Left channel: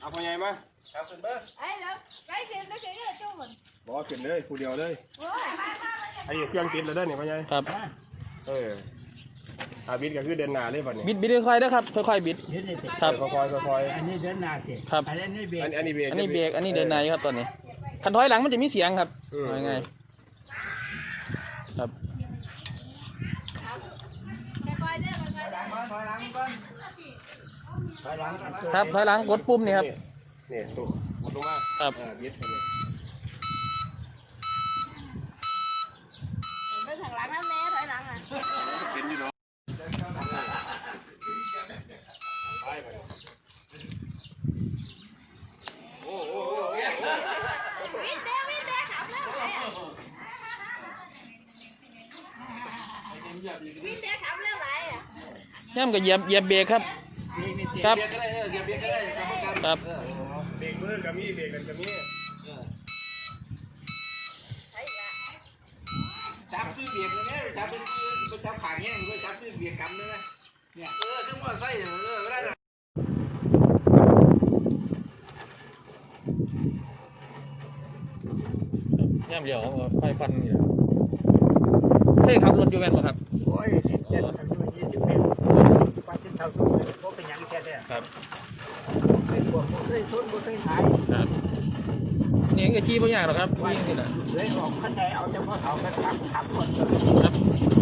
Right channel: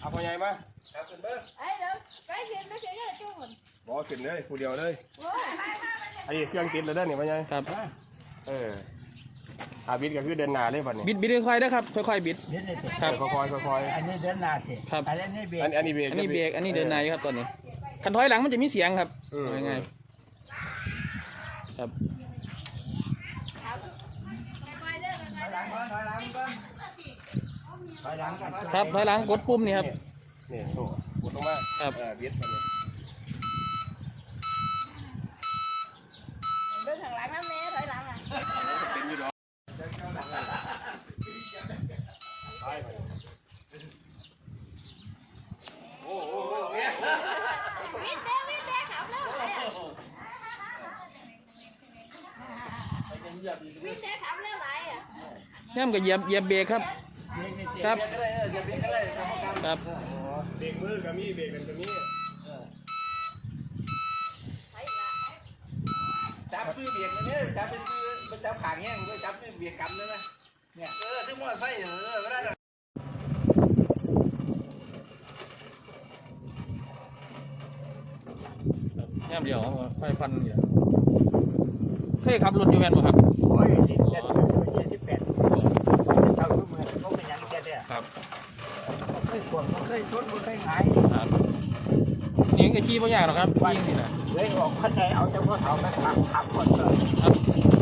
เอาไปไงมาครับคุณเบิ้ง ấy được cái gì nó chỉ là chú mình บอกขึ้นเลยผู้เดียวเลย ôi ไอ้เครื่องติดเลยได้เนี่ยไปไงครับเอออาบิดก็คือเดินหน้าเลยบัดนี้บิดบิดค่อยๆนะครับค่อยๆบิดเดี๋ยวนี่สิครับค่อยๆค่อยอันนี้เดินหน้าสิครับ อันนี้เบรกๆอันอันนี้เบรกอันนี้เบรกอันนี้เดินในครับตอนนี้คันถอยหลังมันจะมีเสียงครับอืมเอาง่ายๆครับ cái coi đó là หลังก่อนถอยหลังก่อน ถอยหลังก่อนครับถอยหลังกดปุ่มนี่ครับนี่ถูกถูกตรงมาครับเออบิดอันนี้ đứng thằng lặng lắm nè phải lặng à เป็นนี่เนาะโอ้โห biết thế biết thế học lắm biết thế học lắm lại à ย่ำกับเหยียบเหยียบเบรกครับครับเบียร์ก็ได้เออเบียร์ก็ได้ก รรมการครับเบรกมือกับมีเบรกกันกับมี thấy là จับคือเบียร์กันเนี่ยจับเป็นคือจับขางแง่งด้วยจับคือเบียร์กันเลยไหมเนี่ยเออถึงว่าไส้เออไม่ได้หรอกย่ำเดียวไฟฟันอยู่เคยขับรถอยู่แม่นบ่ครับโอ้ย เคยทวงเคยชนเคยขายครับนี่ก็ขี่บ่ยากหรอกครับวิ่งนี่แหละเลยออกขั้นใดเอาเฉพาะเอากระถางขับคนเลยครับ